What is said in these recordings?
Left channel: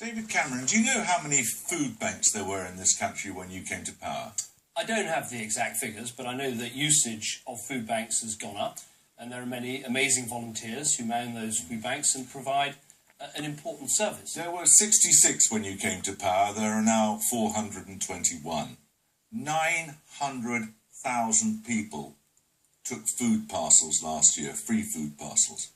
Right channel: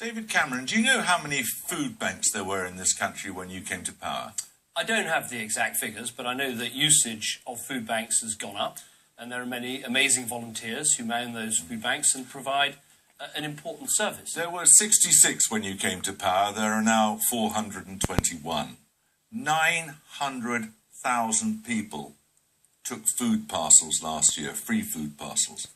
David Cameron, do you know how many food banks there were in this country when you came to power? I don't have the exact figures, but I know that usage of food banks has gone up, and there are many amazing volunteers who man those food banks and provide an important service. There were 66 when you came to power. There are now 421. 900,000 people took food parcels last year, free food parcels.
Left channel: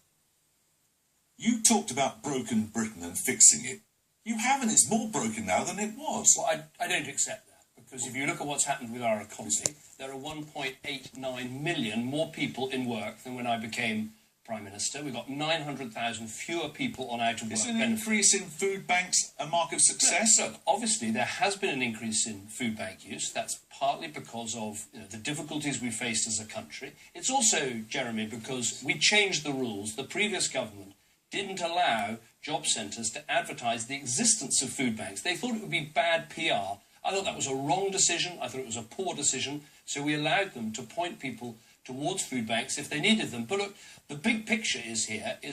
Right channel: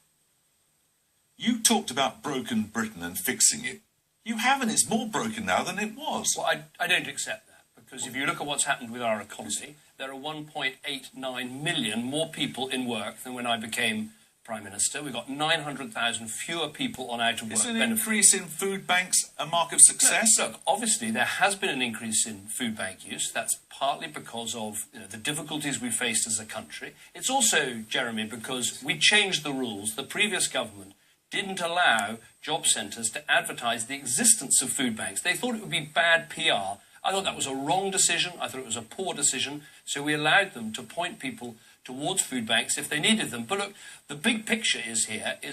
You talked about broken Britain and fixing it. You haven't. It's more broken now than it was. Well, I don't accept that, because if you look at what's happened with our economy, there are 1.89 million more people in work than when I became Prime Minister. We've got 900,000 fewer people on out-of-work benefits. Is an increase in food banks a mark of success? Look, obviously there has been an increase in food bank use. That's partly because of the difficulties we faced as a country. It's also, Jeremy, because we changed the rules. The previous government didn't allow job centres to advertise the existence of food banks. They thought it would be bad PR. I thought that was a wrong decision. I thought it was a poor decision. So we allowed them to point people towards food banks if they needed them. But look, the big picture is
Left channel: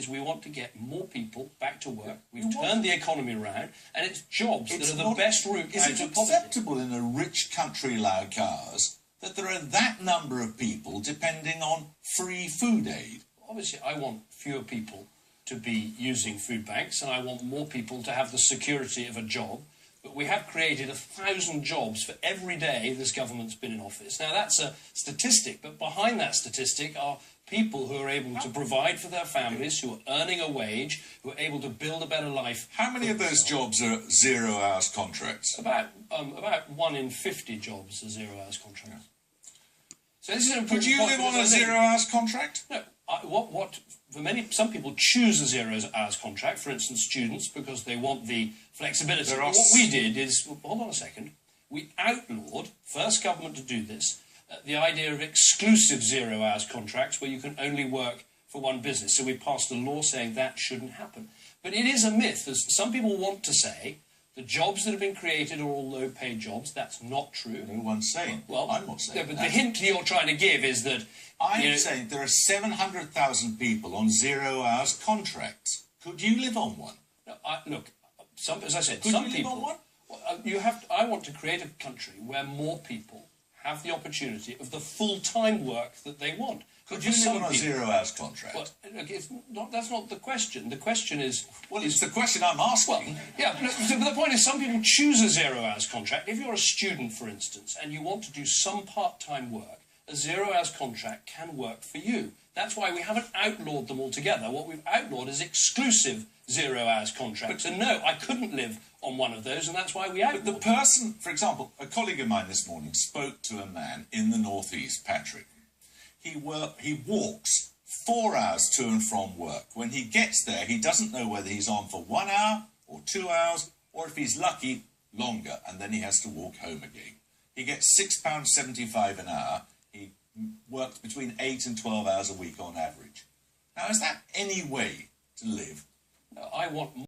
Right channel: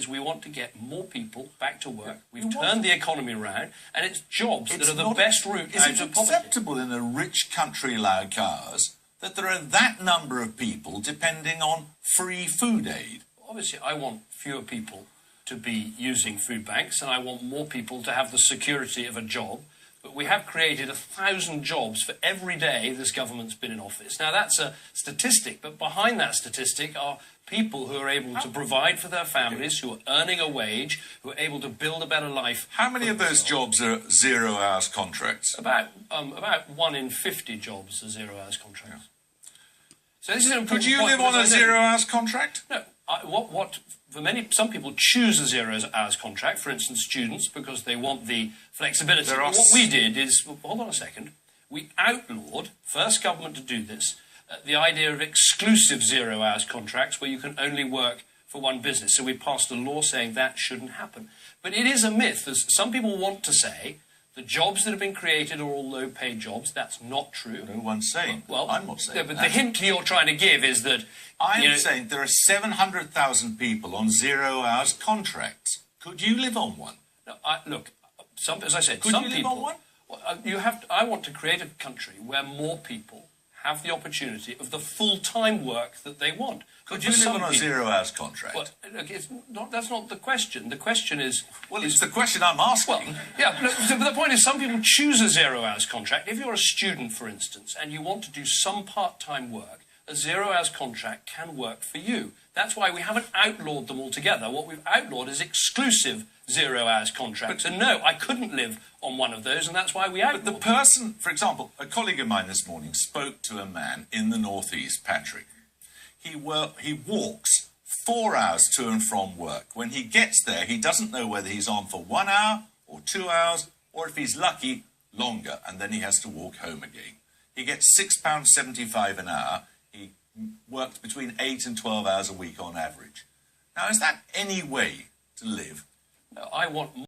we want to get more people back to work. We've turned the economy around, and it's jobs that are the best route out of poverty. Is it acceptable in a rich country like ours that there are that number of people depending on free food aid? Obviously, I want fewer people to be using food banks, and I want more people to have the security of a job. But we have created 1,000 jobs for every day this government's been in office. Now, that's a statistic, but behind that statistic are people who are able to provide for their families, who are earning a wage, who are able to build a better life. How many of those jobs are zero-hours contracts? About 1 in 50 jobs are zero-hours contracts. So this is an important Could you point, live on a zero-hours contract? No. Some people choose a zero-hours contract, for instance, students, because they want the flexibility. What we did is, hold on a second, we outlawed, first government to do this, the idea of exclusive zero-hours contracts where you can only work for one business. So we passed a law saying that shouldn't happen. But it is a myth, as some people want to say. The jobs that have been created are all low-paid jobs. That's not true. No one's saying. Well, I'm not saying. No, but the hint you're trying to give is that I'm saying there are 700,000 people on zero-hours contracts. Could you live on one? No, look, as I said, Could some you live people. On one? I want to create a country where more people have the opportunity of the full-time work that they want. Could you live on a zero-hours contract? Well, look, that's not the question. The question is... Well, it's the question I'm asking. Well, yeah, but the point is some people choose a zero-hours contract. If you're a student, for instance, and you want to do some part-time work, a zero-hours contract can work for you. That's why we haven't outlawed them altogether. What we've outlawed is exclusive zero-hours contracts. And no, I couldn't live on one of those, and that's why we outlawed them. But the person, for example, a colleague of mine this morning spoke to a man in the northeast, Patrick. He walks 4 hours to and from work. When he gets there, he doesn't know whether he's on for 1 hour or 2 hours, or if he's lucky, longer, and then he has to walk home again. He gets £6.75 an hour. He works between 8 and 12 hours a week on average. Now, is that any way to live? No, I want